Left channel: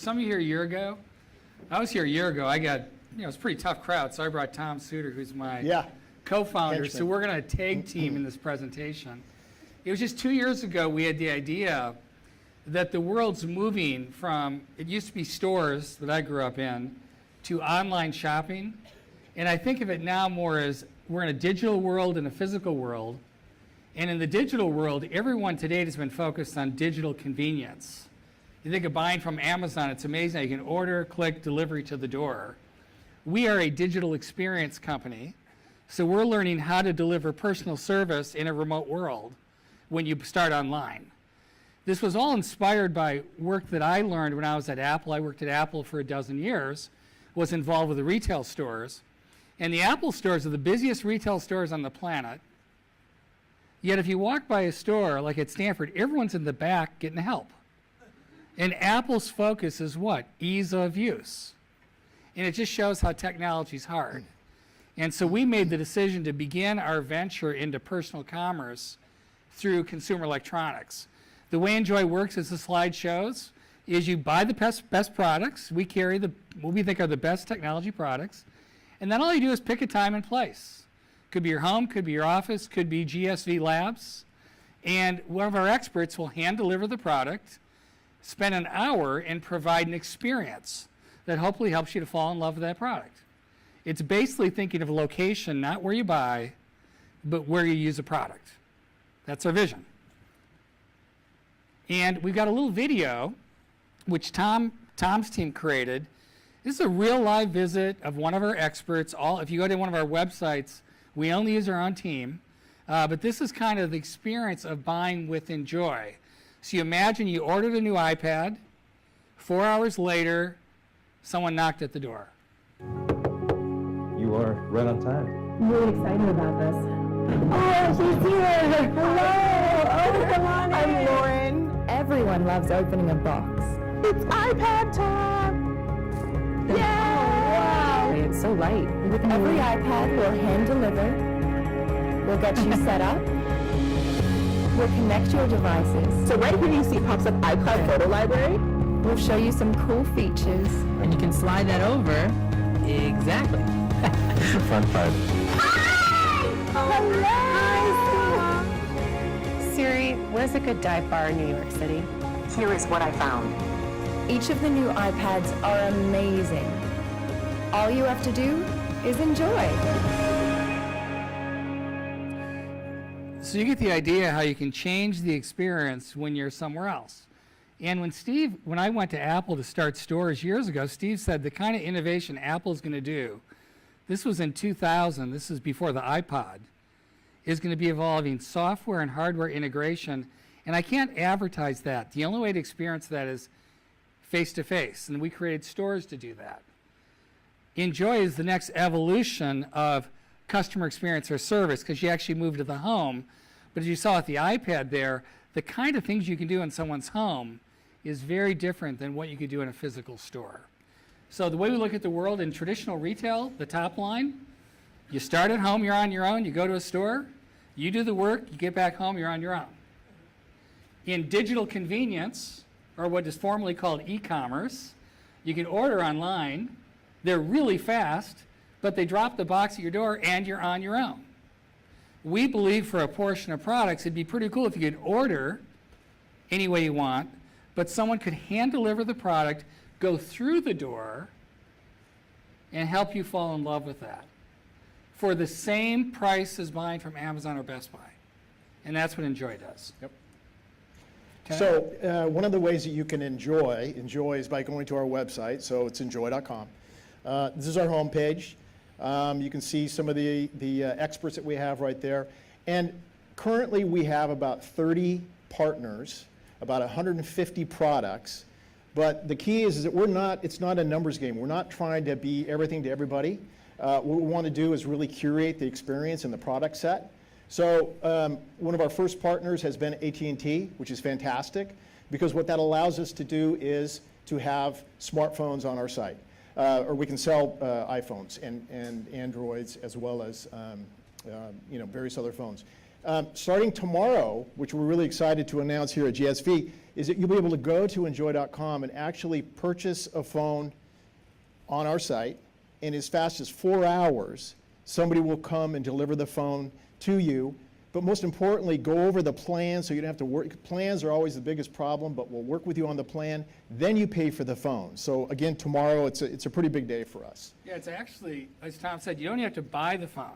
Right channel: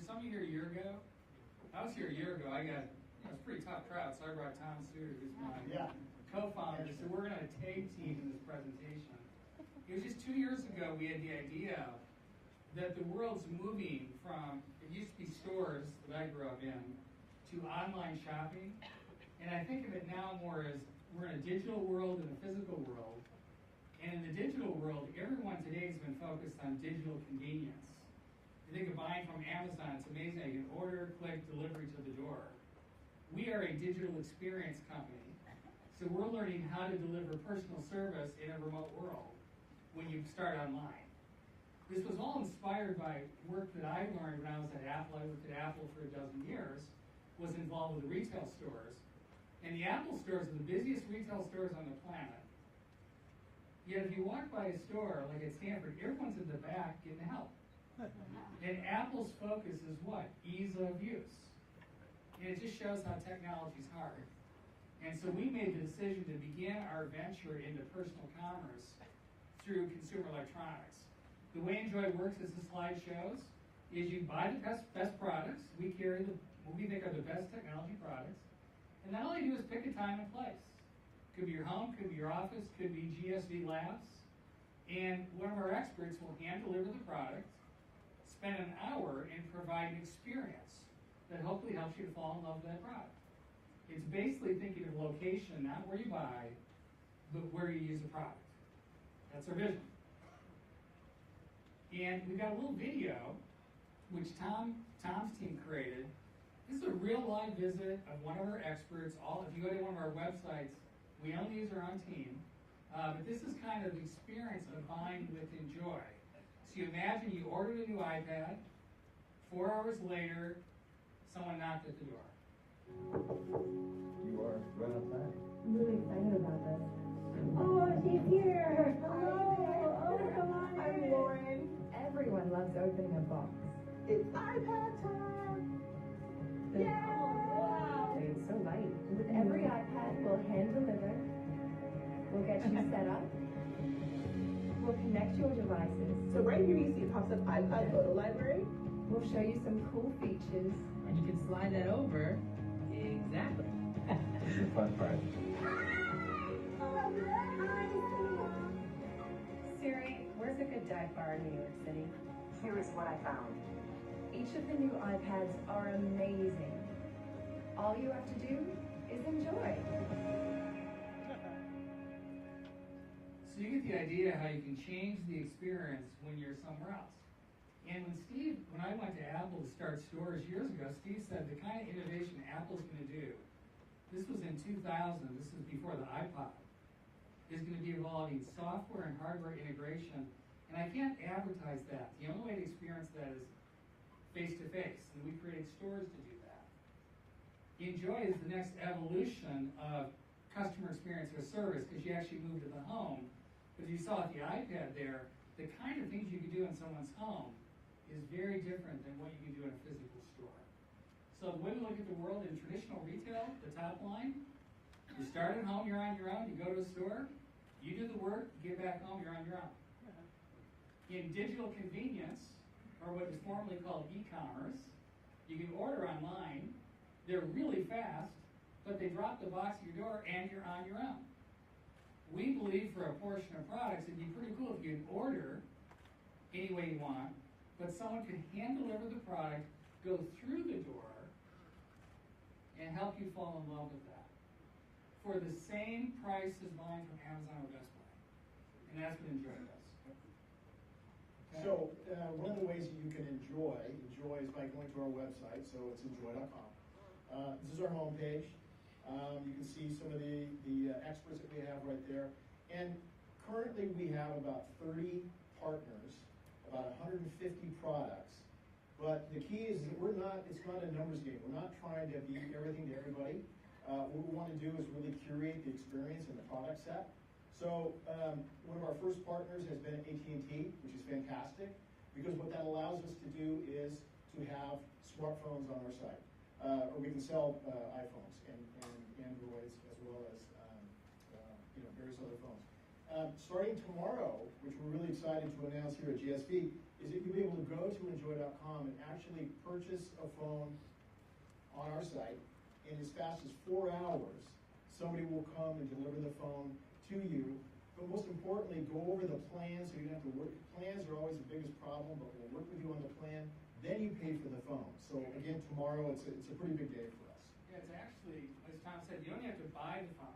some of you here a year ago, I was here a year ago. I got, it's a pretty tough crowd, so I brought Tom Suter, who's my co-founder. So we're going to tag team in this presentation. It was just 2 years ago we had the idea that the world's moving from, it used to be stores that I grew up in, to online shopping. And I think of it now more as we're in a digital world and a physical world. And in the digital world, everyone today has been focused on digital convenience. You think of buying from Amazon, it's amazing. You can order, click, delivery to the door. We are a digital experience company, so we're learning how to deliver personal service in a remote world when you start online. This was all inspired by work that I learned when I was at Apple. I worked at Apple for a dozen years, was involved with the retail stores. And the Apple stores are the busiest retail stores on the planet. Yet if you walk by a store like at Stanford, everyone's in the back getting help. And Apple's focus is what? Ease of use. And it just shows how technology's hard. And so we made the decision to begin our venture into personal commerce through consumer electronics. The way Enjoy works, as the slide shows, is you buy the best products. We carry what we think are the best technology products. And then all you do is pick a time and place. Could be your home, could be your office, could be GSVlabs. And one of our experts will hand deliver the product, spend an hour, and provide an experience that hopefully helps you to fall in love with that product. It's basically thinking of a location, not where you buy, but where you use a product. That's our vision. And we've got a little video, which Tom's team created. This is a real live visit of one of our experts. If you go to one of our websites, we only use our own team. But this is kind of the experience of buying with Enjoy. So you imagine you ordered a new iPad. 4 hours later, someone knocked at the door. You are right on time. I'm really excited about this. Oh, she's here! Hello! Oh, come on in. I'm Lauren. Everyone loves opening a box. It's iPad time! Yeah! Oh, wow! It's so light. With every iPad, we'll hand deliver. We'll get you set up. We'll connect your devices. So right here you see pops up iCloud Photo Library. We'll show you some cool features. And you can slide that over. Exactly. It's a fun part. Hello! Siri, what is a good dive bar in New York City? Here is what I found. Each of the new iPads are amazing. All you have to do is enjoy. So you get the idea how you can change the experience when you're somewhere else. And when I went to Apple to start stores years ago, Steve said the kind of innovation Apple's going to do, this was in 2000, this is before the iPod, is going to be evolving software and hardware integration. And I can't advertise that. The only way to experience that is face-to-face. And we created stores to do that. Enjoy is the next evolution of customer experience or service, because you actually move to the home. But as you saw with the iPad there, the kind of things you can do in someone's home is very different than what you could do in a physical store. So the way we look at the world in traditional retail, the top line, you start at home, you're on your own, you go to a store, you do the work, you get back home, you're on your own. In digital convenience, or what is formerly called e-commerce, you can order online, they're really fast, but they drop the box at your door and you're on your own. We believe for a portion of products, it'd be pretty cool if you could order any way you want, but someone could hand deliver the product, go through the door, and help you fall in love with that for the same price as buying from Amazon or Best Buy. And that's what Enjoy does. Yep. Okay. So one of the ways that you can enjoy is by going to our website, so it's enjoy.com. This is our homepage. You can see some of the experts that we have right there. And currently we have about 30 partners, about 150 products. But the key is that it's not a numbers game. We're not trying to be everything to everybody. What we want to do is really curate the experience and the product set. So one of our first partners has been AT&T, which is fantastic, because what that allows us to do is to have smartphones on our site. Or we can sell iPhones and Androids as well as various other phones. Starting tomorrow, which we're really excited to announce here at GSV, is that you'll be able to go to enjoy.com and actually purchase a phone on our site, and as fast as 4 hours, somebody will come and deliver the phone to you. But most importantly, go over the plan so you don't have to work. Plans are always the biggest problem, but we'll work with you on the plan. Then you pay for the phone. So again, tomorrow, it's a pretty big day for us. Yeah, it's actually, as Tom said, you don't have to buy the phone.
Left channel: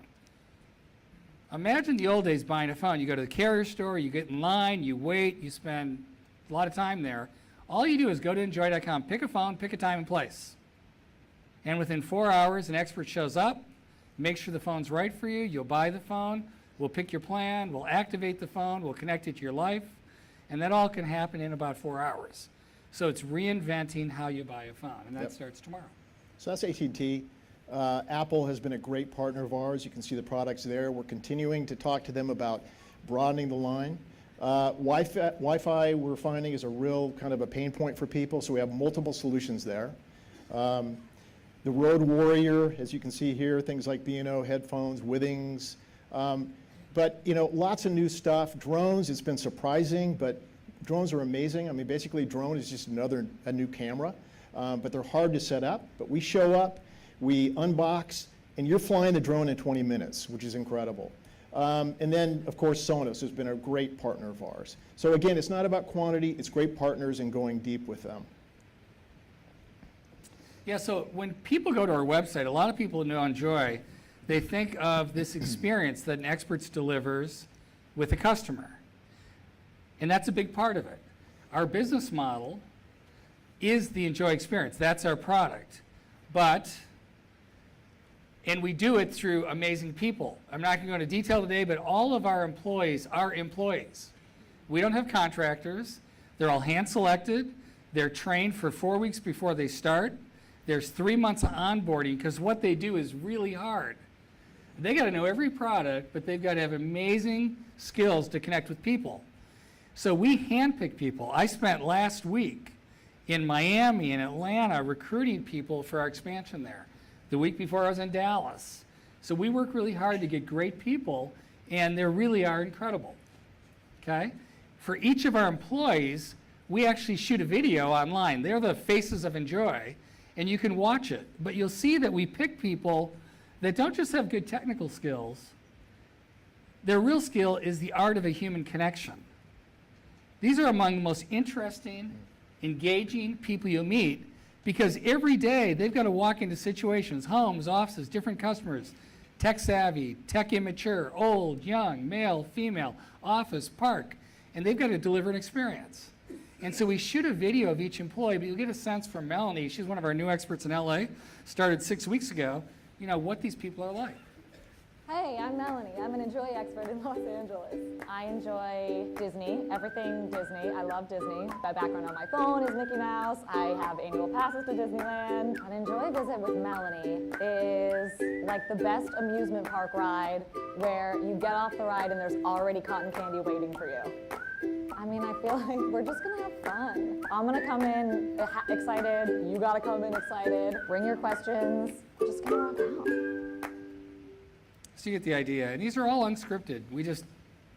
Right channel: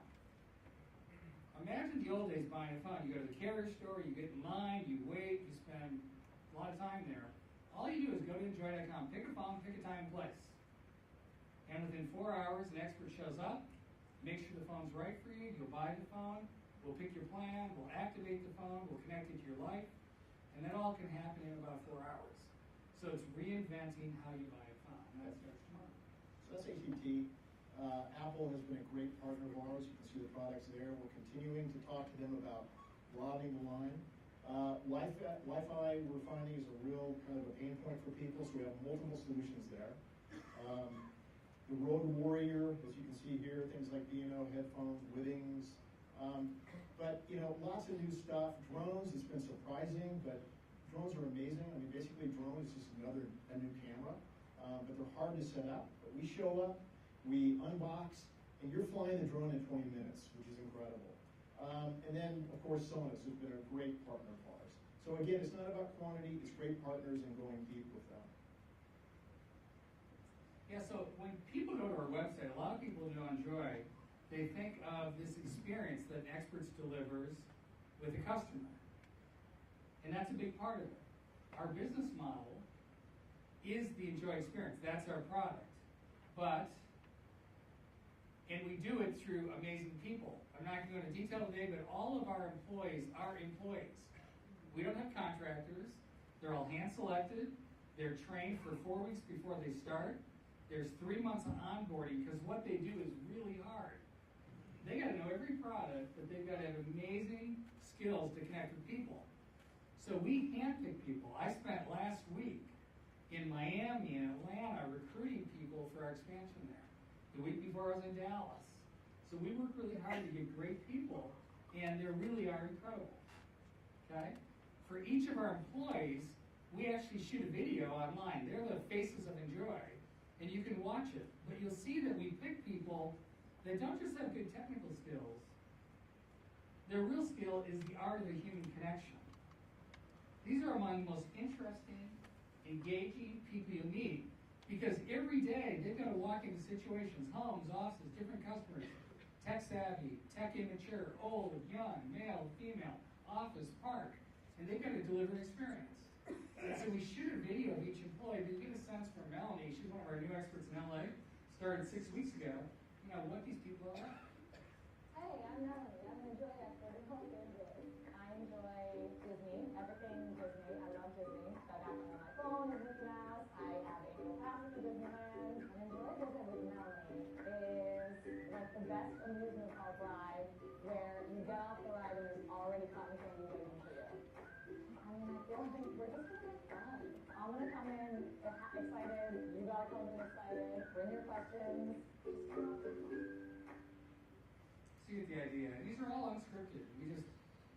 Imagine the old days buying a phone. You go to the carrier store, you get in line, you wait, you spend a lot of time there. All you do is go to enjoy.com, pick a phone, pick a time and place. And within 4 hours, an expert shows up, makes sure the phone's right for you, you'll buy the phone, we'll pick your plan, we'll activate the phone, we'll connect it to your life, and that all can happen in about 4 hours. So it's reinventing how you buy a phone, and that starts tomorrow. So that's AT&T. Apple has been a great partner of ours. You can see the products there. We're continuing to talk to them about broadening the line. Wi-Fi we're finding is a real kind of a pain point for people, so we have multiple solutions there. The Road Warrior, as you can see here, things like B&O headphones, Withings. But lots of new stuff. Drones, it's been surprising, but drones are amazing. I mean, basically, drone is just a new camera, but they're hard to set up. But we show up, we unbox, and you're flying the drone in 20 minutes, which is incredible. And then, of course, Sonos has been a great partner of ours. So again, it's not about quantity, it's great partners and going deep with them. Yeah, so when people go to our website, a lot of people know Enjoy, they think of this experience that an expert delivers with a customer. And that's a big part of it. Our business model is the Enjoy experience. That's our product. And we do it through amazing people. I'm not going to go into detail today, but all of our employees are employees. We don't have contractors. They're all hand-selected. They're trained for 4 weeks before they start. There's 3 months of onboarding because what they do is really hard. They got to know every product, but they've got to have amazing skills to connect with people. So we handpick people. I spent last week in Miami and Atlanta recruiting people for our expansion there. The week before I was in Dallas. So we work really hard to get great people, and they really are incredible. Okay? For each of our employees, we actually shoot a video online. They're the faces of Enjoy, and you can watch it. But you'll see that we pick people that don't just have good technical skills. Their real skill is the art of a human connection. These are among the most interesting, engaging people you'll meet, because every day they've got to walk into situations, homes, offices, different customers, tech savvy, tech immature, old, young, male, female, office, park, and they've got to deliver an experience. And so we shoot a video of each employee, but you'll get a sense from Melanie, she's one of our new experts in LA, started 6 weeks ago, what these people are like. Hey, I'm Melanie. I'm an Enjoy expert in Los Angeles. I enjoy Disney, everything Disney. I love Disney. My background on my phone is Mickey Mouse. I have annual passes to Disneyland. An Enjoy visit with Melanie is like the best amusement park ride where you get off the ride and there's already cotton candy waiting for you. I mean, I feel like we're just gonna have fun. I'm gonna come in excited, you gotta come in excited, bring your questions, just get around out. So you get the idea. And these are all unscripted. We just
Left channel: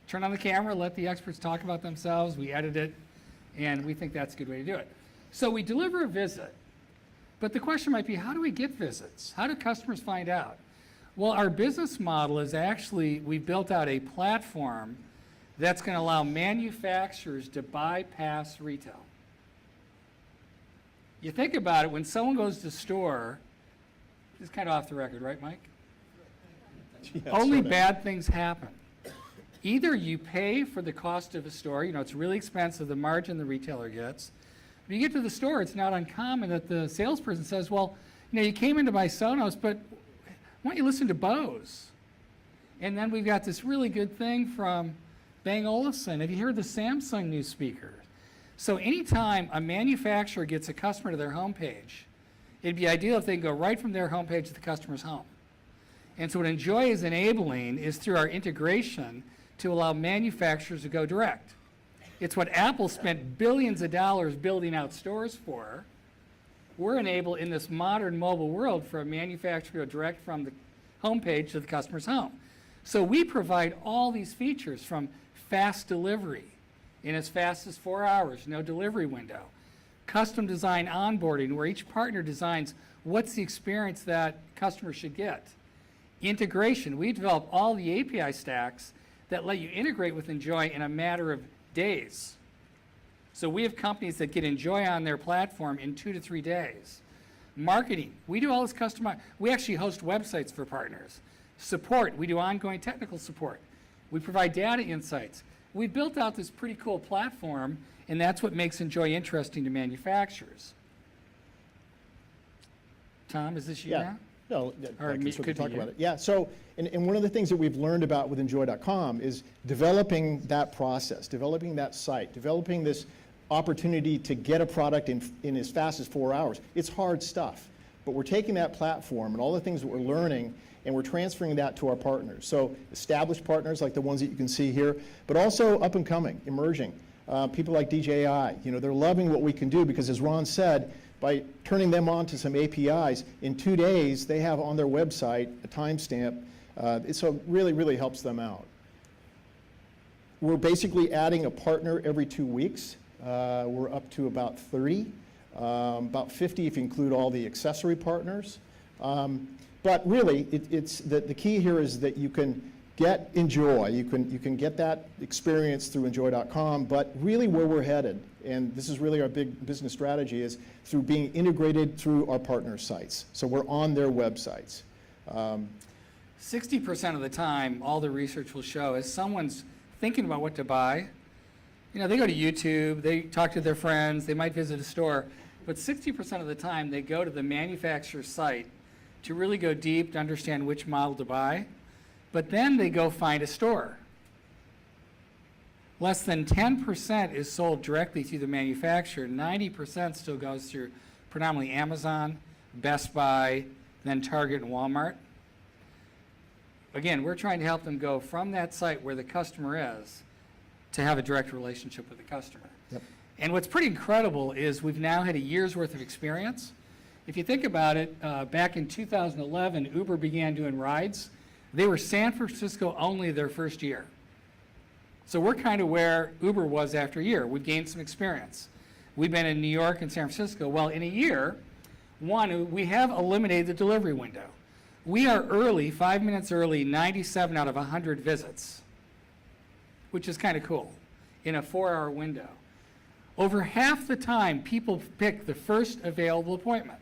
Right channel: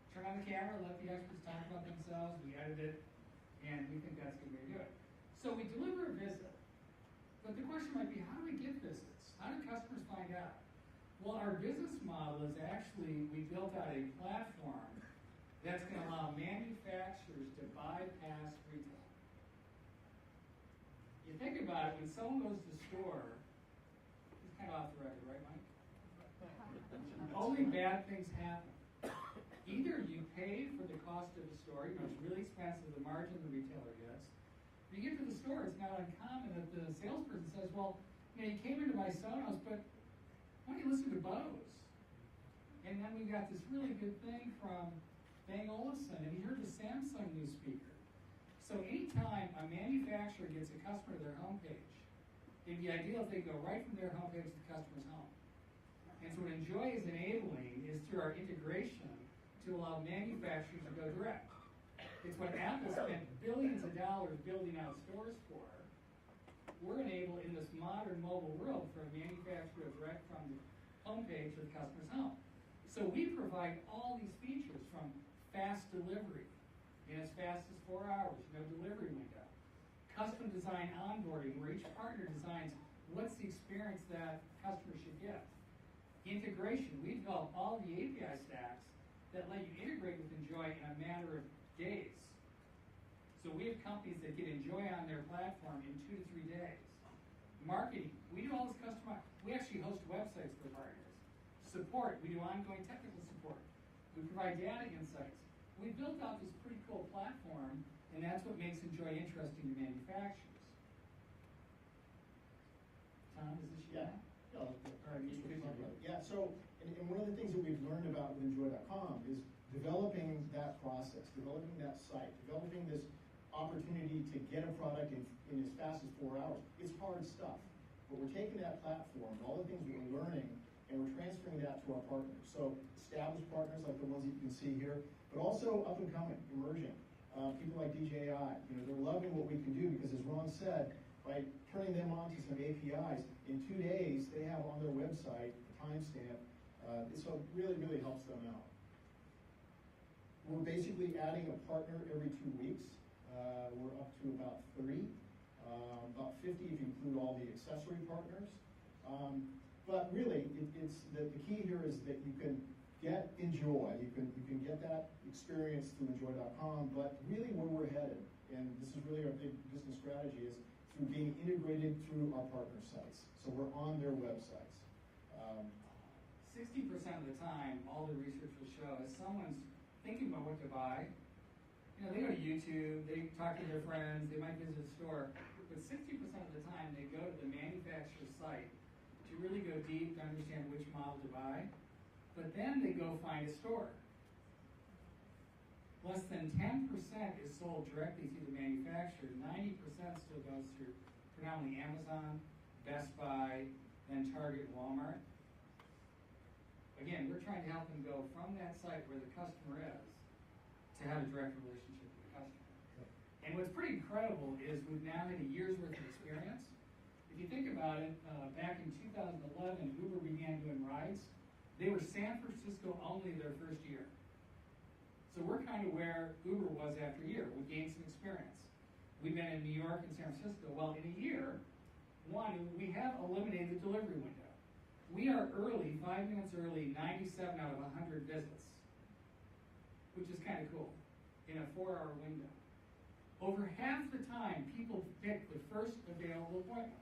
turn on the camera, let the experts talk about themselves, we edit it, and we think that's a good way to do it. So we deliver a visit, but the question might be, how do we get visits? How do customers find out? Well, our business model is actually, we built out a platform that's going to allow manufacturers to bypass retail. You think about it, when someone goes to the store, this is kind of off the record, right, Mike? Yes, Only bad things happen. Either you pay for the cost of a store, it's really expensive, the margin the retailer gets. When you get to the store, it's not uncommon that the salesperson says, well, you came in to buy Sonos, but why don't you listen to Bose? And then we've got this really good thing from Bang Olufsen. Have you heard the Samsung new speaker? So anytime a manufacturer gets a customer to their homepage, it'd be ideal if they can go right from their homepage to the customer's home. And so what Enjoy is enabling is through our integration to allow manufacturers to go direct. It's what Apple spent billions of dollars building out stores for. We're enabled in this modern mobile world for a manufacturer to go direct from the homepage to the customer's home. So we provide all these features from fast delivery in as fast as 4 hours, no delivery window. Custom design onboarding, where each partner designs what's the experience that customers should get. Integration, we develop all the API stacks that let you integrate with Enjoy in a matter of days. So we have companies that get Enjoy on their platform in 2 to 3 days. Marketing, we do all this we actually host websites for partners. Support, we do ongoing technical support. We provide data insights. We built out this pretty cool platform, and that's what makes Enjoy interesting to manufacturers. Tom, is this you now? No, Or I can me- sort could of be talk you. about it. Yeah, so, and one of the things that we've learned about with Enjoy.com is developing that process, developing that site, developing this opportunity to get a product in as fast as 4 hours. It's hard stuff, but we're taking that platform and all the things that we're learning and we're transferring that to our partners. So established partners like the ones that you can see here, but also up and coming, emerging. People like DJI, they're loving what we can do because, as Ron said, by turning them on to some APIs, in 2 days they have on their website a timestamp. So it really, really helps them out. We're basically adding a partner every 2 weeks. We're up to about 30, about 50 if you include all the accessory partners. But really, it's the key here is that you can get Enjoy. You can get that experience through Enjoy.com, but really where we're headed, and this is really our big business strategy, is through being integrated through our partner sites. So we're on their websites. 60% of the time, all the research will show is someone's thinking about what to buy. They go to YouTube, they talk to their friends, they might visit a store, but 60% of the time they go to the manufacturer's site to really go deep to understand which model to buy, but then they go find a store. Less than 10% is sold directly through the manufacturer. 90% still goes through predominantly Amazon, Best Buy, then Target and Walmart. Again, we're trying to help them go from that site where the customer is to have a direct relationship with the customer. Yep. And what's pretty incredible is we've now had a year's worth of experience. If you think about it, back in 2011, Uber began doing rides. They were San Francisco only their first year. So we're kind of where Uber was after a year. We've gained some experience. We've been in New York and San Francisco. Well, in a year, one, we have eliminated the delivery window. We are early, 5 minutes early, 97 out of 100 visits, which is kind of cool, in a 4-hour window. Over half the time, people pick the first available appointment.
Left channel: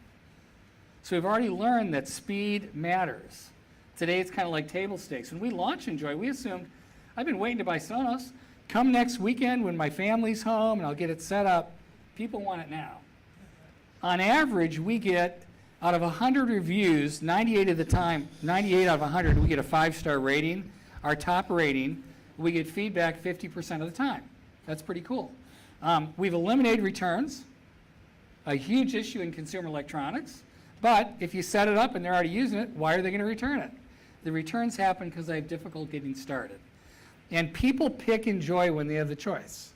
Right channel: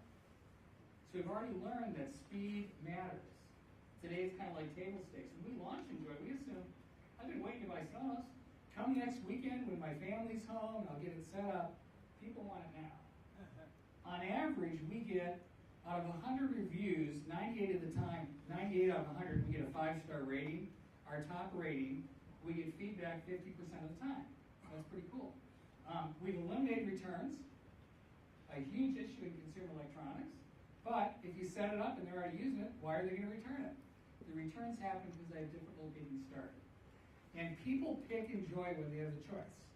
So we've already learned that speed matters. Today, it's kind of like table stakes. When we launched Enjoy, we assumed, I've been waiting to buy Sonos. Come next weekend when my family's home and I'll get it set up. People want it now. On average, we get, out of 100 reviews, 98 out of 100, we get a 5-star rating. Our top rating, we get feedback 50% of the time. That's pretty cool. We've eliminated returns, a huge issue in consumer electronics. But if you set it up and they're already using it, why are they going to return it? The returns happen because they have difficulty getting started. And people pick Enjoy when they have the choice.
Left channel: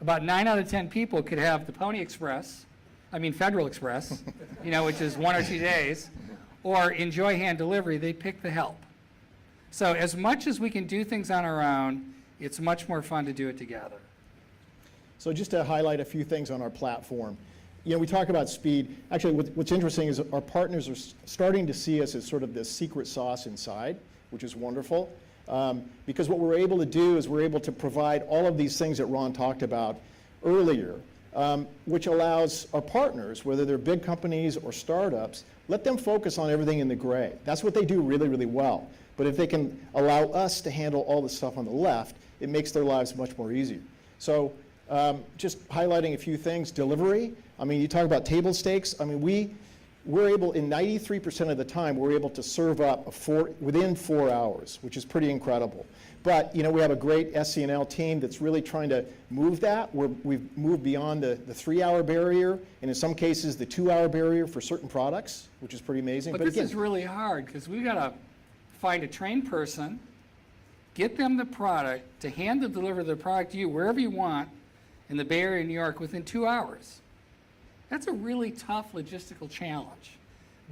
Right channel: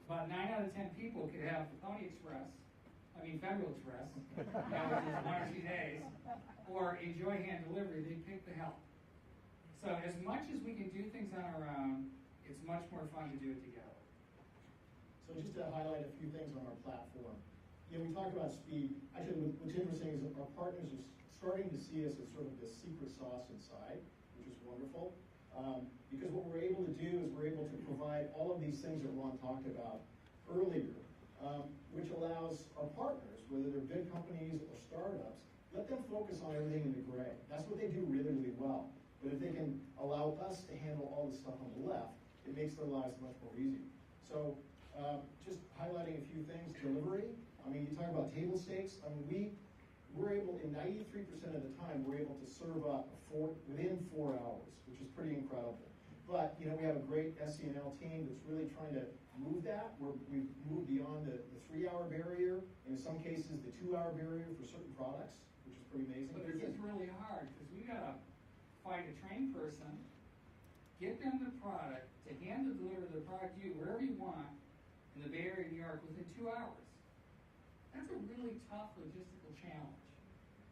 About 9 out of 10 people could have the Federal Express, which is 1 or 2 days, or Enjoy hand delivery. They pick the help. So as much as we can do things on our own, it's much more fun to do it together. So just to highlight a few things on our platform. We talk about speed. Actually, what's interesting is our partners are starting to see us as sort of this secret sauce inside, which is wonderful. Because what we're able to do is we're able to provide all of these things that Ron talked about earlier, which allows our partners, whether they're big companies or startups, let them focus on everything in the gray. That's what they do really, really well. But if they can allow us to handle all the stuff on the left, it makes their lives much more easier. So just highlighting a few things. Delivery, you talk about table stakes. We're able, in 93% of the time, we're able to serve up within 4 hours, which is pretty incredible. But we have a great SC&L team that's really trying to move that. We've moved beyond the 3-hour barrier, and in some cases the 2-hour barrier for certain products, which is pretty amazing. But this is really hard because we've got to find a trained person, get them the product, to deliver the product to you wherever you want in the Bay Area, New York, within 2 hours. That's a really tough logistical challenge,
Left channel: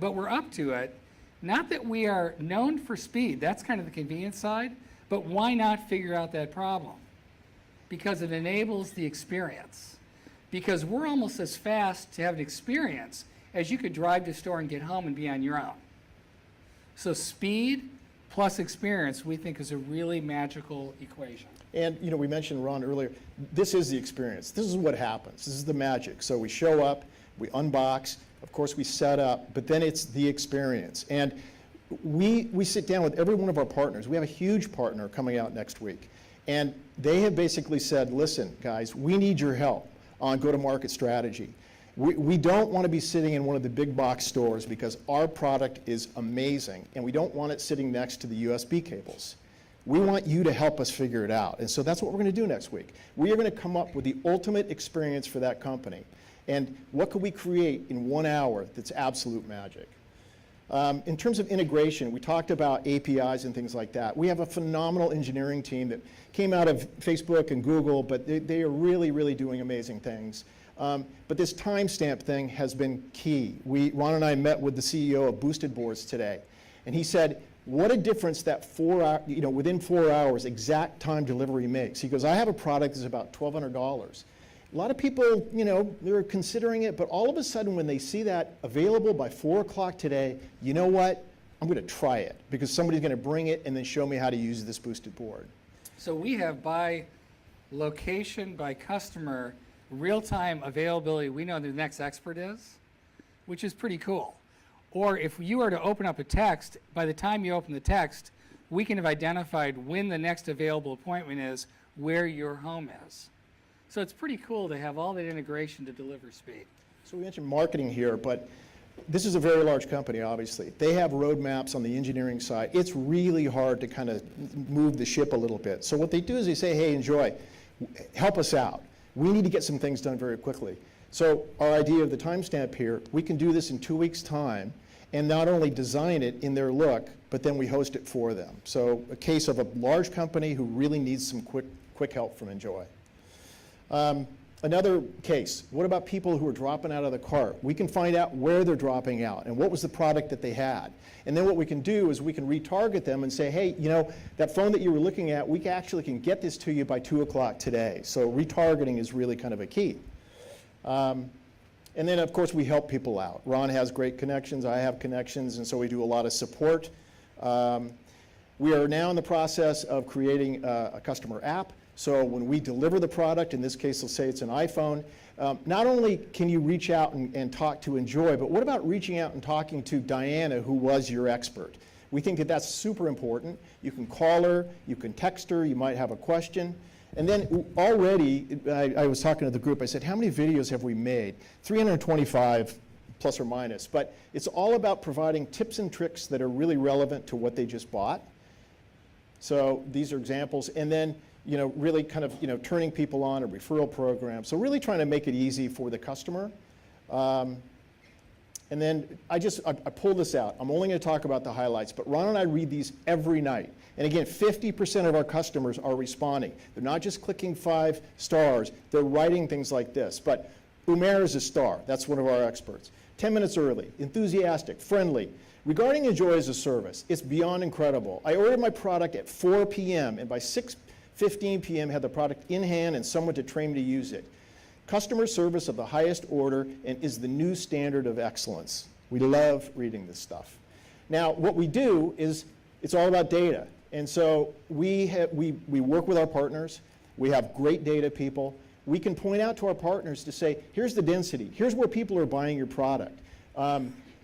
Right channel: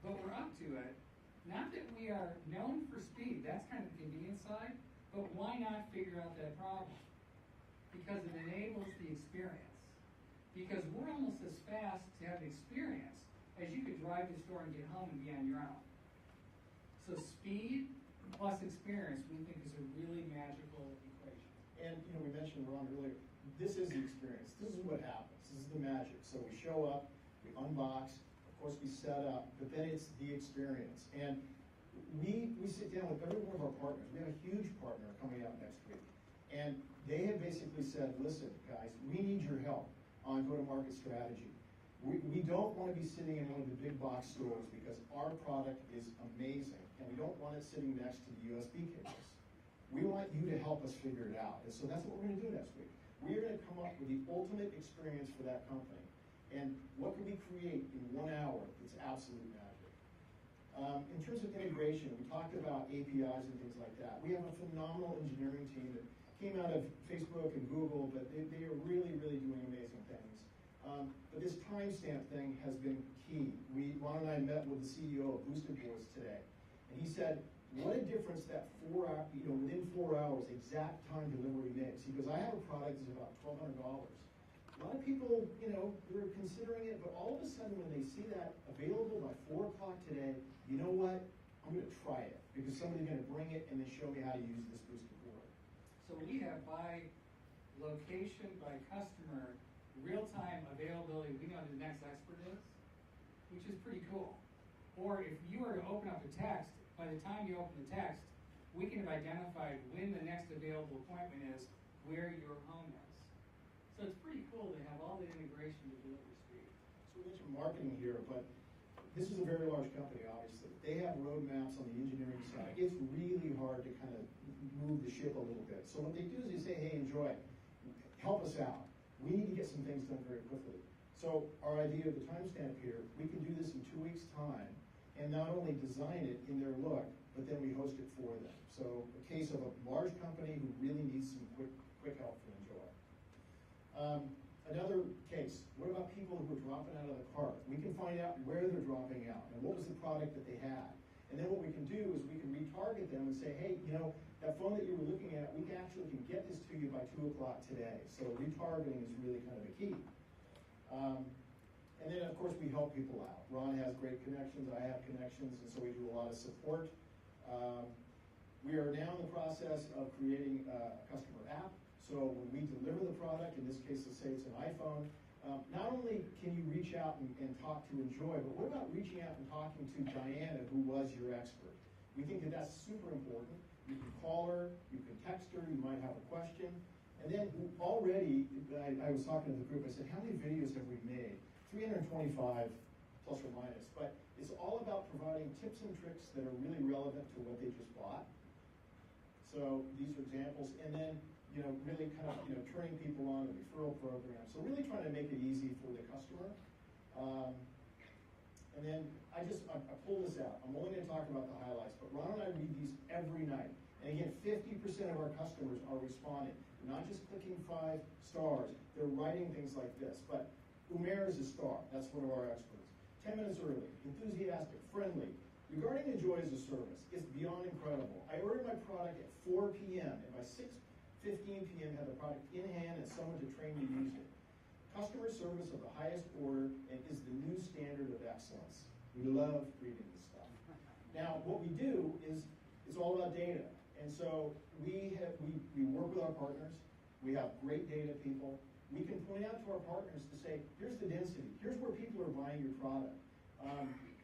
but we're up to it. Not that we are known for speed, that's kind of the convenience side, but why not figure out that problem? because it enables the experience. Because we're almost as fast to have an experience as you could drive to the store and get home and be on your own. So speed plus experience, we think, is a really magical equation. And we mentioned Ron earlier, this is the experience. This is what happens. This is the magic. So we show up, we unbox, of course we set up, but then it's the experience. And we sit down with every one of our partners. We have a huge partner coming out next week. And they have basically said, listen, guys, we need your help on go-to-market strategy. We don't want to be sitting in one of the big box stores because our product is amazing, and we don't want it sitting next to the USB cables. We want you to help us figure it out. And so that's what we're going to do next week. We are going to come up with the ultimate experience for that company. And what could we create in 1 hour that's absolute magic? In terms of integration, we talked about APIs and things like that. We have a phenomenal engineering team that came out of Facebook and Google, but they are really, really doing amazing things. But this timestamp thing has been key. Ron and I met with the CEO of Boosted Boards today, and he said, what a difference that within 4 hours, exact time delivery makes. He goes, I have a product that's about $1,200. A lot of people, they're considering it, but all of a sudden when they see that available by 4 o'clock today, you know what? I'm going to try it because somebody's going to bring it and then show me how to use this boosted board. So we have by location, by customer, real-time availability. We know who the next expert is, which is pretty cool. Or if you were to open up a text, by the time you open the text, we can have identified when the next available appointment is, where your home is. So it's pretty cool to have all that integration to deliver speed. So we mentioned marketing here, but this is a very large company, obviously. They have roadmaps on the engineering side. It's really hard to kind of move the ship a little bit. So what they do is they say, hey, Enjoy, help us out. We need to get some things done very quickly. So our idea of the timestamp here, we can do this in 2 weeks' time and not only design it in their look, but then we host it for them. So a case of a large company who really needs some quick help from Enjoy. Another case, what about people who are dropping out of the cart? We can find out where they're dropping out and what was the product that they had. And then what we can do is we can retarget them and say, hey, that phone that you were looking at, we actually can get this to you by 2 o'clock today. So retargeting is really kind of a key. And then, of course, we help people out. Ron has great connections, I have connections, and so we do a lot of support. We are now in the process of creating a customer app. So when we deliver the product, in this case, let's say it's an iPhone, not only can you reach out and talk to Enjoy, but what about reaching out and talking to Diana, who was your expert? We think that that's super important. You can call her, you can text her, you might have a question. And then already, I was talking to the group, I said, how many videos have we made? 325 plus or minus, but it's all about providing tips and tricks that are really relevant to what they just bought. So these are examples, and then really kind of turning people on a referral program. So really trying to make it easy for the customer. And then I pulled this out. I'm only going to talk about the highlights, but Ron and I read these every night. And again, 50% of our customers are responding. They're not just clicking 5 stars, they're writing things like this. But Umair is a star, that's one of our experts. 10 minutes early, enthusiastic, friendly. Regarding Enjoy as a service, it's beyond incredible. I ordered my product at 4 p.m. and by 6:15 p.m. had the product in hand and someone to train me to use it. Customer service of the highest order and is the new standard of excellence. We love reading this stuff. Now, what we do is it's all about data. And so we work with our partners. We have great data people. We can point out to our partners to say, here's the density. Here's where people are buying your product.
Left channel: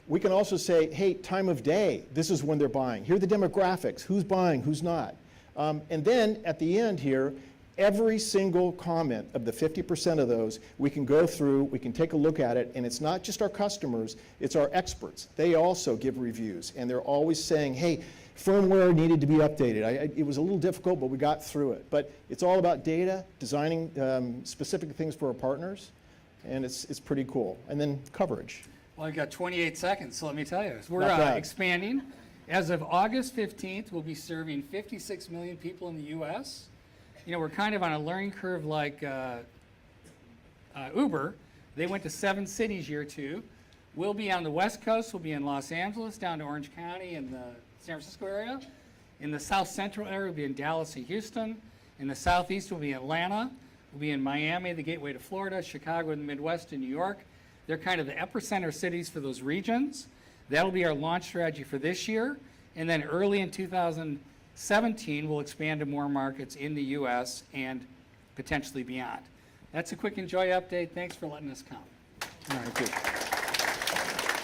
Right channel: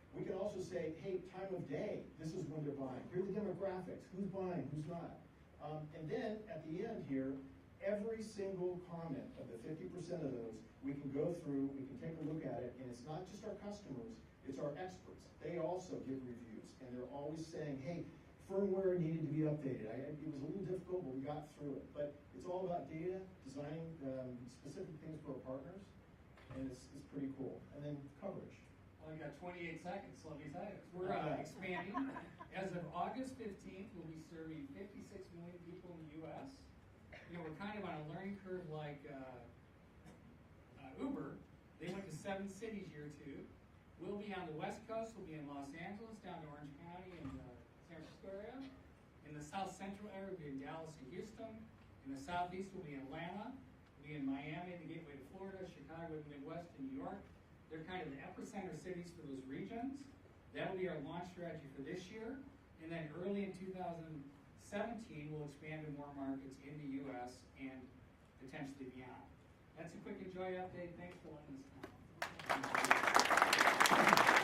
We can also say, hey, time of day. This is when they're buying. Here are the demographics. Who's buying, who's not. And then at the end here, every single comment of the 50% of those, we can go through, we can take a look at it, and it's not just our customers, it's our experts. They also give reviews, and they're always saying, hey, firmware needed to be updated. It was a little difficult, but we got through it. But it's all about data, designing specific things for our partners, and it's pretty cool. And then coverage. Well, I've got 28 seconds, so let me tell you. We're expanding. As of August 15th, we'll be serving 56 million people in the U.S. We're kind of on a learning curve like Uber. They went to 7 cities year 2. We'll be on the West Coast. We'll be in Los Angeles, down to Orange County and the San Francisco area. In the South Central area, we'll be in Dallas and Houston. In the Southeast, we'll be in Atlanta, we'll be in Miami, the gateway to Florida, Chicago, and the Midwest, and New York. They're kind of the epicenter cities for those regions. That'll be our launch strategy for this year. And then early in 2017, we'll expand to more markets in the U.S. and potentially beyond. That's a quick Enjoy update. Thanks for letting us come. Thank you.